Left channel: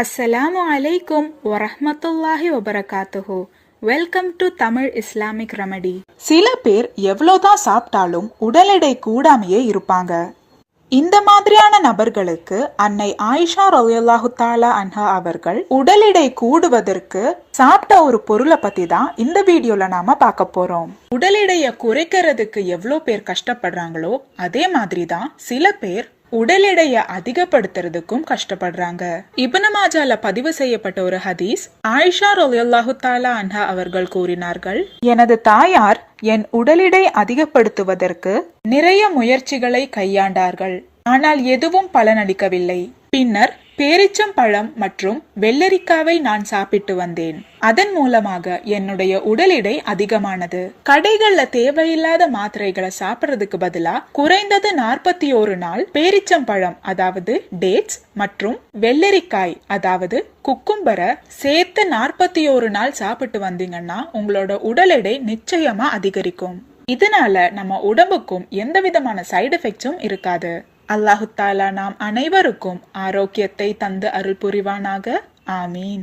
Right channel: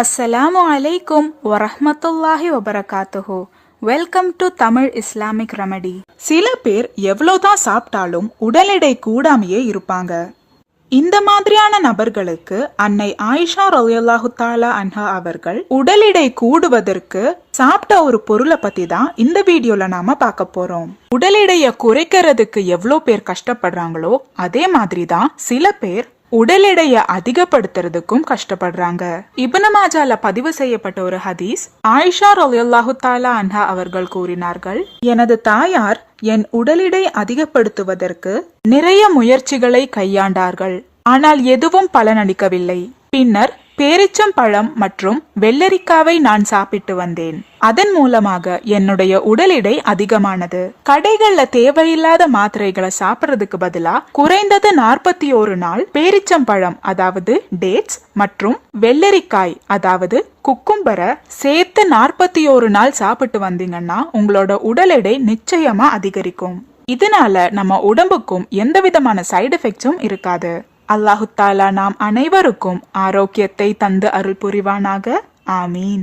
அஸ்ஸலாமு அலைக்கும் வரஹ்மத்துல்லாஹி வபரகாத்துஹு. Welcome to Tamil Islamic remedy. சில பேர் எவ்வளவுதான் சாப்பிட்டாலும் உடல் எடை கூடாமையே இருப்பாங்க. இந்த மாதிரியான நபர்களுக்கு அன்னை ஆயிஷா ரலியல்லாஹு தஆலா அன்ஹா அவர்கள் உடல் எடை கூடுவதற்கு சாப்பிட்ட ஒரு பொருளை பத்தி தான் இந்த வீடியோல நாம பார்க்க போறோம். உடல் எடையை குறைக்கிறதுக்கு எவ்வளவு பேர் கஷ்டப்படுறாங்களோ அதே மாதிரி தான் சில பேர் உடல் எடையை அதிகப்படுத்துறதுக்கும் கஷ்டப்படுறாங்க. இப்னு மாஜால பதிவு செய்யப்பட்ட ஒரு ஹதீஸ், ஆயிஷா ரலியல்லாஹு தஆலா அன்ஹா அவர்கள் கூறினார்கள், எனது தாயார் என் உடல் எடை அதிகப்படுத்துவதற்கு நிறைய முயற்சிகளை கையாண்டார்கள். ஆனால் எதுவும் பலனளிக்கவில்லை. பின்னர் பேரிச்சம் பழம் மற்றும் வெள்ளரிக்காவை நான் சாப்பிட்டு வந்தேன். அதன் மூலமாக என்னுடைய உடல் எடை அதிகமானது. கடைகள்ல தேவையில்லாத மாத்திரைகளை சாப்பிடுறதுக்கு பதிலா குறைந்தது 41 நாள் பேரிச்சம் பழம் அதாவது டேட்ஸ் மற்றும் வெள்ளரிக்காய் அதாவது குக்கும்பரை சேர்த்து 41 நாள் சாப்பிட்டு வந்தீங்கன்னா உங்களோட உடல் எடை நிச்சயமா அதிகரிக்கும். இதனால நம்ம உடம்புக்கும் எந்த விதமான சைடு எஃபெக்ட்ஸும் இருக்காது. அல்லாஹு தாலா நாம் அனைவருக்கும் ஆரோக்கியத்தை தந்து அருள் புரிவானாக. ஆமீன்.